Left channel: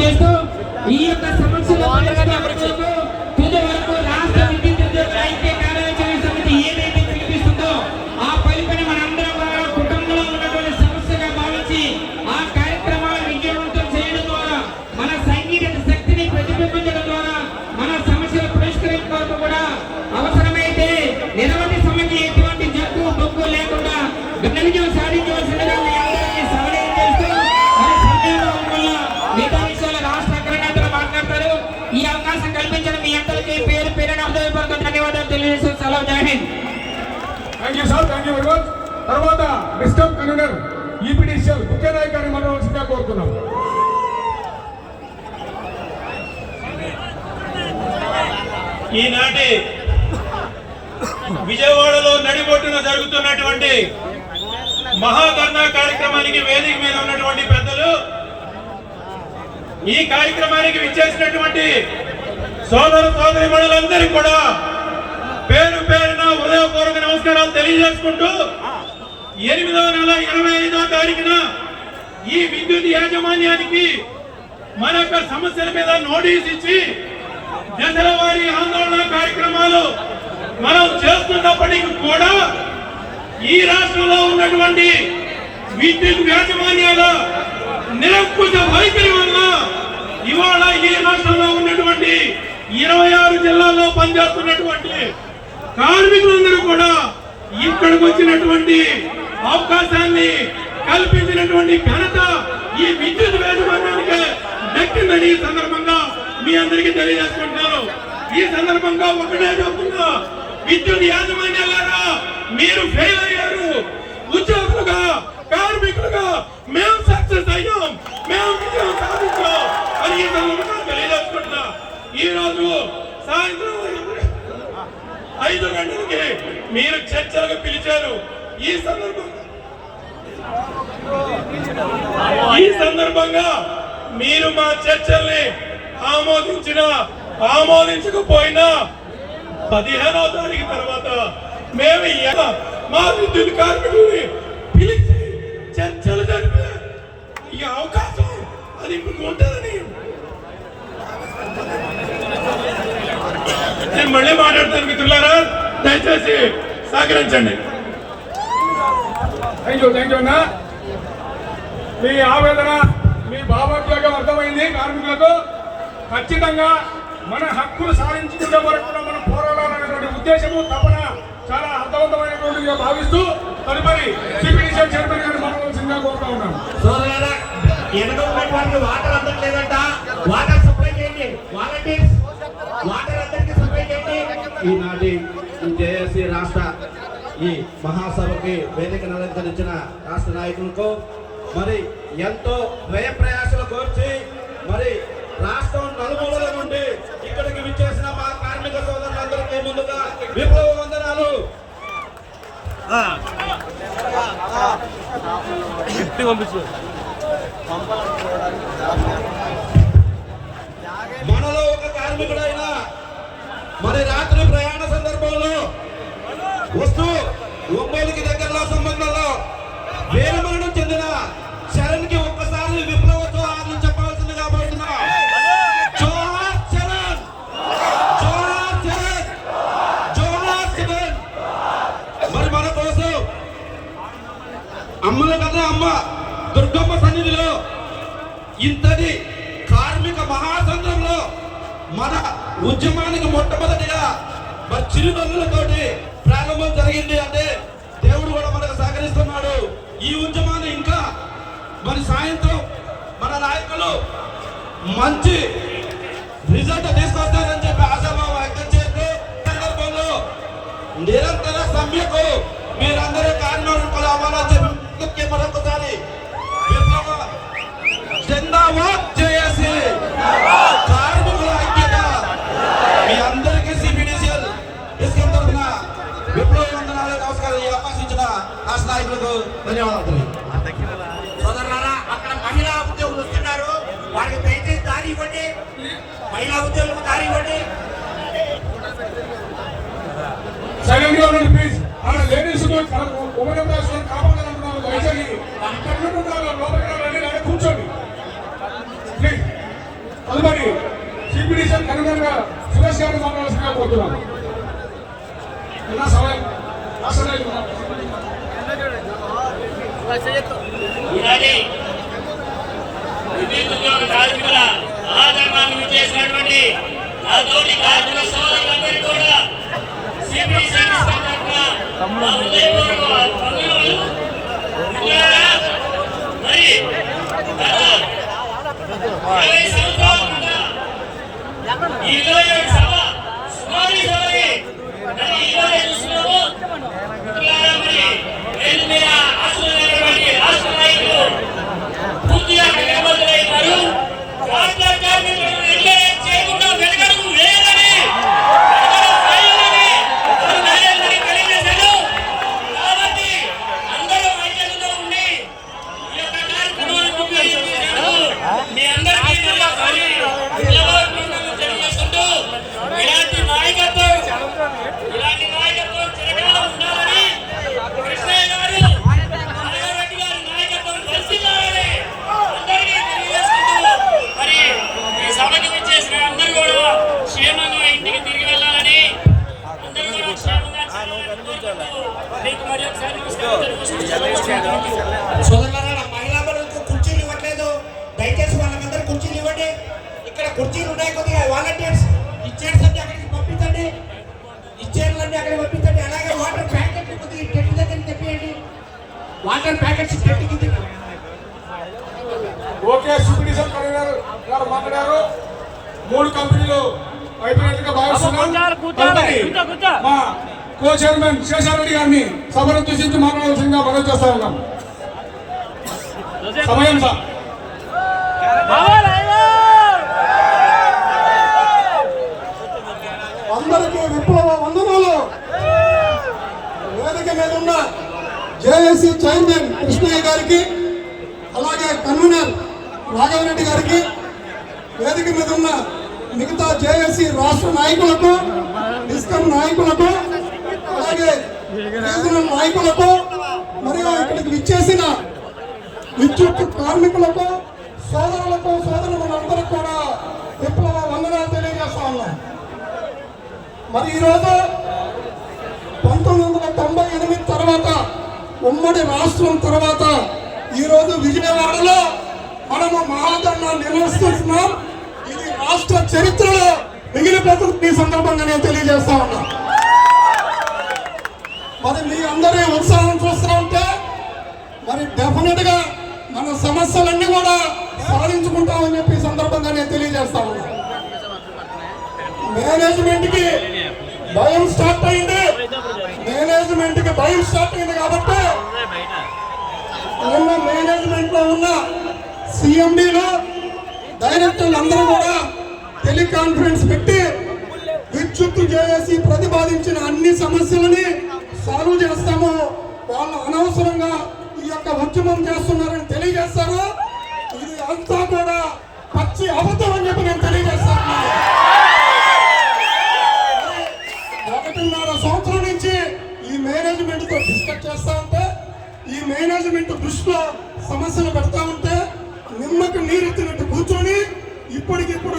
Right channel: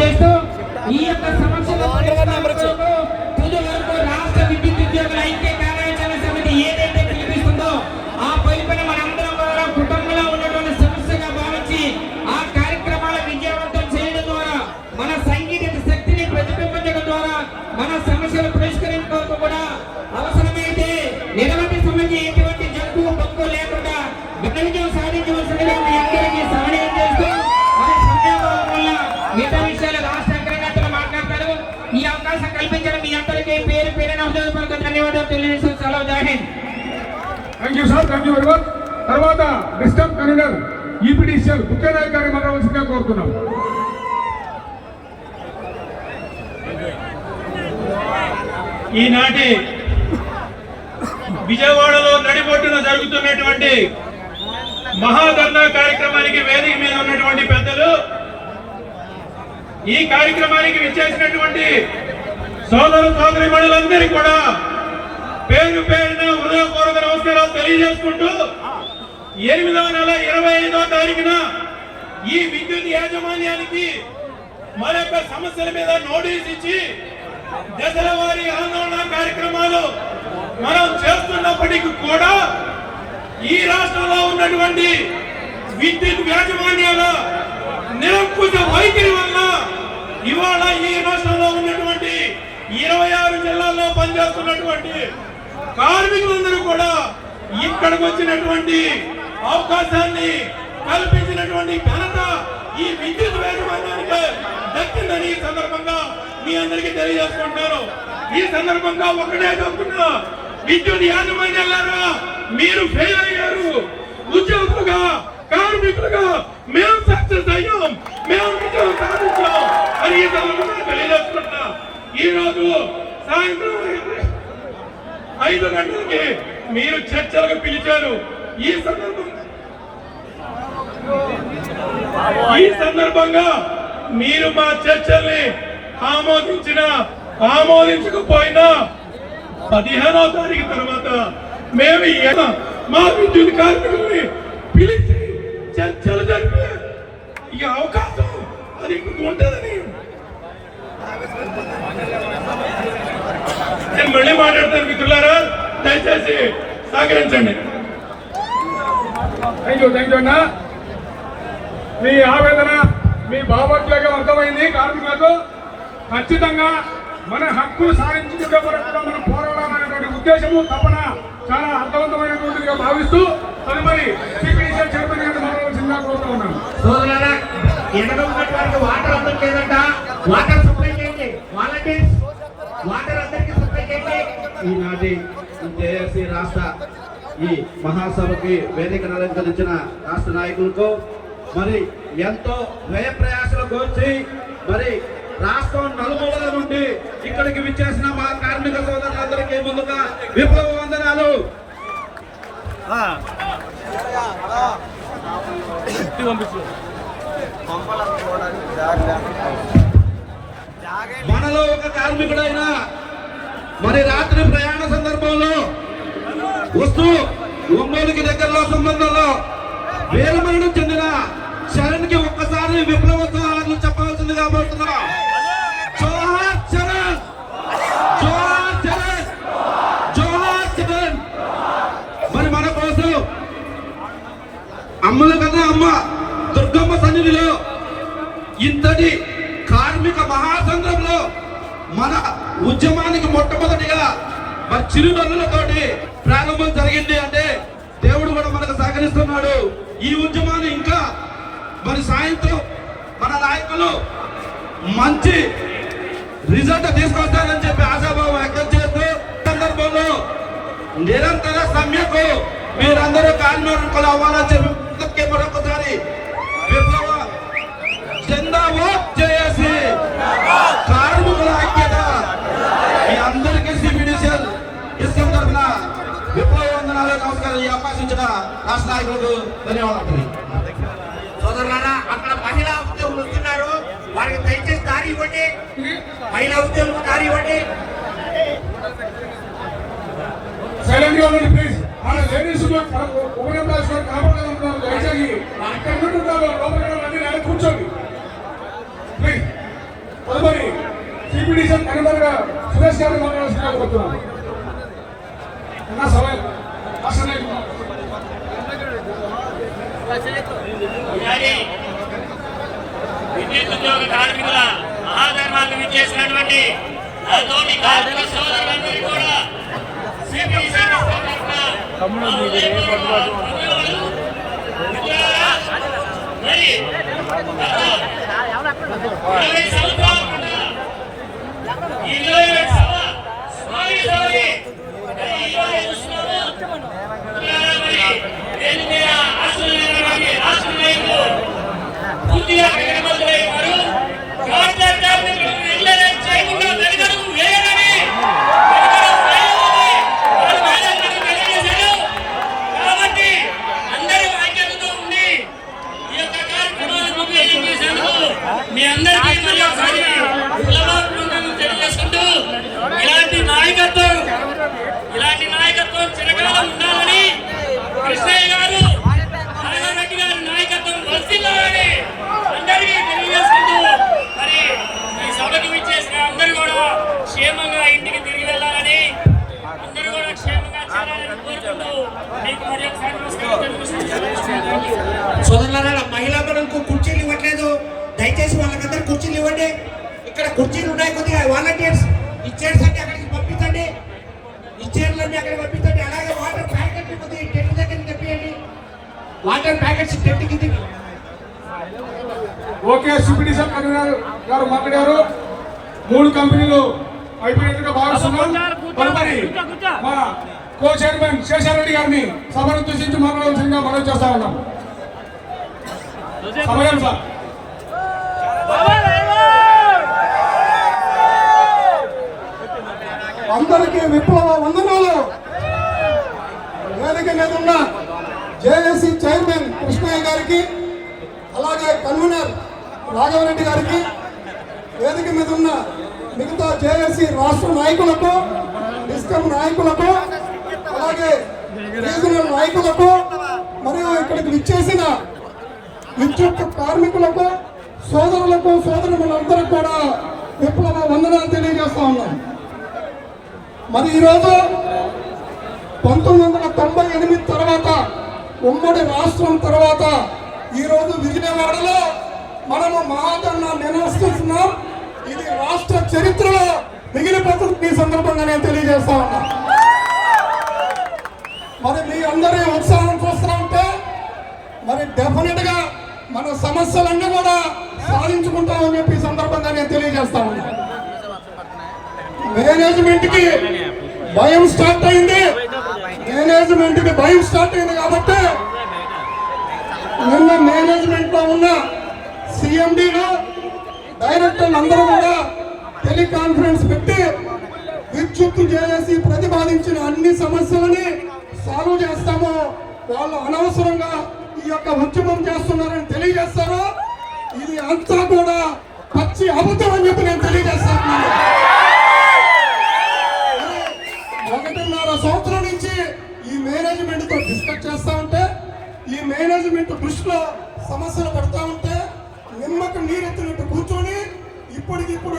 చేస్తూ ఈ యొక్క సమస్యల పరిష్కారాలకు తుది వరకు రాష్ట్ర విద్యుత్ ఉద్యోగుల ఐక్య కార్యాచరణ సమితి ఏదైతే పిలిపిస్తుందో ఆ పైపైన మనందరం కుటుంబంలో ఉన్నటువంటి సమస్యగా భావించి ఆ కార్యక్రమాల విజయవంతం చేయడం ద్వారా మన సైనిక శక్తిని ప్రతిబింబించడం ద్వారా మన సమస్యలు పరిష్కరించే వరకు కూడా అవసరమైతే నిరవధి సమితి ఎటువంటి జంకు బొక్కు లేకుండా ఘన విజయం సాధించవలసిందిగా మీ అందరికీ సమన్వయం చేస్తూ మరి సమయం వల్ల మిగతా విషయాలు రాష్ట్ర అగ్రనేతలు మాట్లాడతారు. ఈ అవకాశం కల్పించిన మీ అందరికీ పేరు పేరున హృదయపూర్వక ధన్యవాదాలు తెలియజేస్తూ సెలవు. జై Hind. Thank you sir. Thank you very much. తర్వాత డిస్టర్బ్ కన్వీనర్ ఈపీడీసీఎల్ ముఖ్యనాయక్ గారిని మాట్లాడవలసిందిగా కోరుతున్నాం. ఈనాటి విజయవాడలో నడిబొట్టున జరుగుతున్నటువంటి మహాధర్నా కార్యక్రమానికి వేదిక మీద ఉన్నటువంటి పెద్దలు, ఈ కార్యక్రమానికి విచ్చేసినటువంటి సోదరు సోదరీమణులందరికీ కూడా పేరు పేరున హృదయపూర్వక నమస్కారాలు తెలియజేసుకుంటూ 8వ నెల 25వ తారీఖున ఈ విద్యుత్ యాజమాన్యానికి మరొక సమస్యల మీద నోటీస్ ఇచ్చి దశల వారీ ఆందోళన కార్యక్రమాలు మనం చేస్తున్నప్పటికీ కూడా ఈ రాష్ట్రంలో ఉన్నటువంటి విద్యుత్ యాజమాన్యాల నిరంకుశ వైఖరి వల్ల ఇవాళ ఈ రాష్ట్రంలో ఉన్నటువంటి 26 జిల్లాల్లో పనిచేస్తున్నటువంటి కార్మికులందరూ కూడా ఇక్కడికి వచ్చినటువంటి అవకాశాన్ని కల్పించినటువంటి ఘనత ఈ విద్యుత్ యాజమాన్యానికి దక్కిందని ఈ సందర్భంగా మీ అందరికీ తెలియజేసుకుంటున్నాను. ఈ సందర్భంగా ఒకటే చెప్తున్నా, విద్యుత్ యాజమాన్యాలారా మీరు ఫెయిల్ అయ్యారు. ఉద్యోగులుగా కార్మికులుగా మేము సక్సెస్ అయ్యాం, మేము విజయం సాధించాం అని ఈ సందర్భంగా తెలియజేసుకుంటున్నా. ఈ రోజు సాయంత్రం 5 గంటలకి మీరు చర్చలకు పిలిచారు. ఈ సందర్భంగా మీరు మా చర్చల్ని ఆమోదించకపోయినా 15వ తారీఖు తర్వాత మేము మా విద్యుత్ కార్మికుల్ని పిలిచి చర్చలు జరిపే ఈ అవకాశం అది ఇప్పుడు ఉంటుందని నేను మళ్ళీ మాట్లాడతాను. మిత్రులారా, దయచేసి సహకరించండి. థ్యాంక్ యూ అన్న. మీ ఆవేదన, మీ భావోద్వేగం అర్థమైంది. కార్మికులకు ఖచ్చితంగా మన హక్కులు సాధించుకునే వరకు మనం పోరాడాలనేటువంటి ఉద్దేశము తపన చాలా అర్థవంతమైనటువంటిదిగా భావిస్తూ తదుపరి సిపిడిసిఎల్ చైర్మన్ గారిని మాట్లాడవలసిందిగా కోరుతా ఉన్నాను. సోదరులారా, ఎడగొన్నటువంటి వాటర్ అందట్లేదంట. వాటర్ సప్లై చేయండి. వాలంటీర్స్ వాటర్ అందరికీ సప్లై చేయండి. ఈనాటి జేఏసీ రాష్ట్ర ఈ మహాసభకి వేదికను అలంకరించిన రాష్ట్ర నాయకులకు మరి ఎంతో వ్యయ ప్రయాసాలు కోర్చి మరి రాష్ట్రం నలుమూలల నుండి ఇక్కడికి విచ్చేసిన మా కార్మిక సోదరులందరికీ ముందుగా విప్లవ వందనాలు. మనలో ఒక కార్మికుడైన మరి రాత్రి ప్రయాణ సందర్భంలో వస్తూ ఒంగోలుకి దగ్గరలో సంబంధంలో వీరమరణం చెందిన శరణ్కి ఒక్కసారి విప్లవోత్సవాలను చెప్పాల్సిందిగా పోతున్నా. జోహార్ చరణ్, జోహార్ చరణ్, జోహార్ చరణ్. మరి మన కోసం అమ్మల కన్నా అమ్మ దుర్గమ్మ సన్నిధిలో ఇంతటి కార్మిక మహాసంద్రంలో మన ఉద్యమానికి మొట్టమొదటిగా మరి చిరునవ్వులతోటి ప్రారంభం జరిగింది అంటే దేవుడు కూడా మనకు సహకరిస్తున్నాడు. ఈ ఉద్యమాన్ని ఇంకా మరి సాయంత్రం మన నాయకులు మంచి రిజల్ట్ తీసుకొస్తారని చెప్పి ఆశాభావం వ్యక్తం చేస్తూ సందర్భంలో నిరంతర సమ్యకు మీరందరూ కార్మికులు అవ్వాలని చెప్పి మరొకసారి విప్లవ జిందాబాద్ జేఏసీ కార్మికుల ఐక్యత మీ అందరికీ సిపిడిసిఎల్ ఇస్కాం తరఫున విప్లవ వందనాలు, నమస్కారం. ఈ అవకాశం ఇచ్చిన రాష్ట్ర నాయకులకు ధన్యవాదాలు. సోదరులారా, అక్కడ మహిళా ఉద్యోగులు వస్తున్నారు. వారికి దయచేసి దారి ఇవ్వండి. మహిళా ఉద్యోగులకు దారి ఇవ్వండి. సైలెంట్ గా ఉండండి ప్లీజ్. లేడీస్ ఉపయోగించాల్సిన కాపాడాలనుకున్నారు. దయచేసి అక్కడ కూర్చోండి ప్లీజ్. తదుపరి సిపిడిషన్ కన్వీనర్ గా సురేష్ గారు మాట్లాడాల్సిందిగా కోరుతున్నాను. అన్నా సమయం ఆసనాలు ఉన్నా. ఈనాటి విద్యుత్ ఉద్యోగ కార్మికుల ఆదరణకు విచ్చేసినటువంటి నా తోటి కార్మిక సోదరులందరికీ కూడా సిపిడి సర్వీస్ తరఫున మరి గత 20 సంవత్సరాల కింద ఈ 27 సభ సుమారు సభని మరి ఈరోజు చూస్తున్నాము. మరి ఏది మీద ఆశ్రయించినటువంటి రాష్ట్ర నాయకులు పూర్తిగా నిలబడుతున్నారు. కాంట్రాక్ట్ కార్మికులకు ఇళ్ళ చేయకుండా వెనుకడుగు వేయాలని వారు మేనేజ్మెంట్ తెలియజేశారు. కాబట్టి అందరూ ఐక్యతతో ఉండి ఈ యొక్క కార్యక్రమాన్ని ఉపయోగించేశారు. మీ అందరికీ మరి ఒకసారి నిలబడుతున్నామని తెలియజేసుకుంటూ ఇలాంటి నాయకత్వం చిరకాలం ఉండాలని కృష్ణయ్య గారు నారాయణరెడ్డి గారి నాయకత్వం వర్తిల్లాలని అందరికీ తెలియజేసుకుంటూ మరి ఈ సభకు విచ్చేసిన అందరూ కూడా క్షేమంగా ఇంటికి తిరిగి వెళ్ళాలని అందరూ కూడా క్షేమంగా చేరాలని కోరుకుంటూ మీకు మరి ఒకసారి నమస్కారం తెలియజేసుకుంటున్నాను. సోదరులారా, మహిళా బలకు కుర్చీలు ఇవ్వట్లేదు. దయచేసి వాళ్ళకందరూ కుర్చీలు ఇవ్వండి. ఇక్కడ కుర్చీలు ఉన్నాయి, కొద్దిగా వాలంటీర్స్ ఇచ్చేసి అక్కడికి పంపించండి. ఇచ్చేర్లన్నీ అక్కడికి పంపించండి. అలాగే వాటర్ ప్యాకెట్ టెంట్ దగ్గర తెప్పియండి. వాటర్ ప్యాకెట్స్ టెంట్ కింద. ఓకే, సిపిడిషన్ కన్వీనర్ గారు మాట్లాడారు. 3 కంపెనీలు అయిపోయినట్టుగా భావిస్తున్నాం. తదుపరి మా కో చైర్మన్ శేషారెడ్డి గారిని సభను ఉద్దేశించి మాట్లాడాల్సిందిగా మనం చేస్తా ఉన్నాం. సమయం సార్. అందరికీ విప్లవ వందనాలు. వేదిక మీద ఉన్న జేఏసీ చైర్మన్ కృష్ణయ్య గారికి, అలాగే కన్వీనర్ రాఘవరెడ్డి గారికి, వేదిక మీద ఉన్న మిగతా జేఏసీ రాష్ట్ర నాయకులకు, డిస్కమ్ నాయకులకు, అలాగే రీజనల్ నాయకులకు, మరియు ఇక్కడికి విచ్చేసిన విద్యుత్ కార్మికులకు, సోదరులకు, సోదరులందరికీ కూడా విప్లవ వందనాలు తెలియజేస్తా ఉన్నాం. మరి ఈరోజు 1998 తర్వాత, ఉమ్మడి రాష్ట్రం తర్వాత ఈరోజు విజయవాడలో మనము మహాధరణ నిర్వహిస్తున్నాం. ఇది రాష్ట్ర చరిత్రలో మిగిలిపోతుంది. ఈ సందర్భంగా నేను తెలియజేస్తా ఉన్నా. మరి మీ అందరి ఉత్సాహం చూస్తూ ఉంటే మరి డెఫినెట్ గా మన సమస్యలన్నీ కూడా సాధించుకుంటామని చెప్పి ఈ సందర్భంగా నేను తెలియజేస్తా ఉన్నా. మేనేజ్మెంట్ కి భయం స్టార్ట్ అయింది. కాబట్టి నిన్న మేనేజ్మెంట్ లో ఉన్న సిఎండిలో డైరెక్టర్లు అందరూ కూడా టెలికాన్ఫరెన్స్ పెట్టి విద్యుత్ జేఏసీ ప్రతిపాదించిన అన్ని సమస్యలని సాల్వ్ చేస్తాము. వాళ్ళు అనవసరంగా ఈ యొక్క ఉద్యమం చేస్తున్నారని తెలియజేస్తారు. ఇది అంతా కూడా పచ్చి అబద్ధం అని చెప్పి నేను తెలియజేస్తాను. 1.5 సంవత్సరం నుంచి ఈ మేనేజ్మెంట్ తో డిస్కస్ చేస్తా ఉంటే, ఈ మేనేజ్మెంట్ దృష్టిలో సమస్యలు పెడతా ఉంటే నిమ్మకు నీరెత్తినట్టు కూర్చొని ఇప్పటికిప్పుడు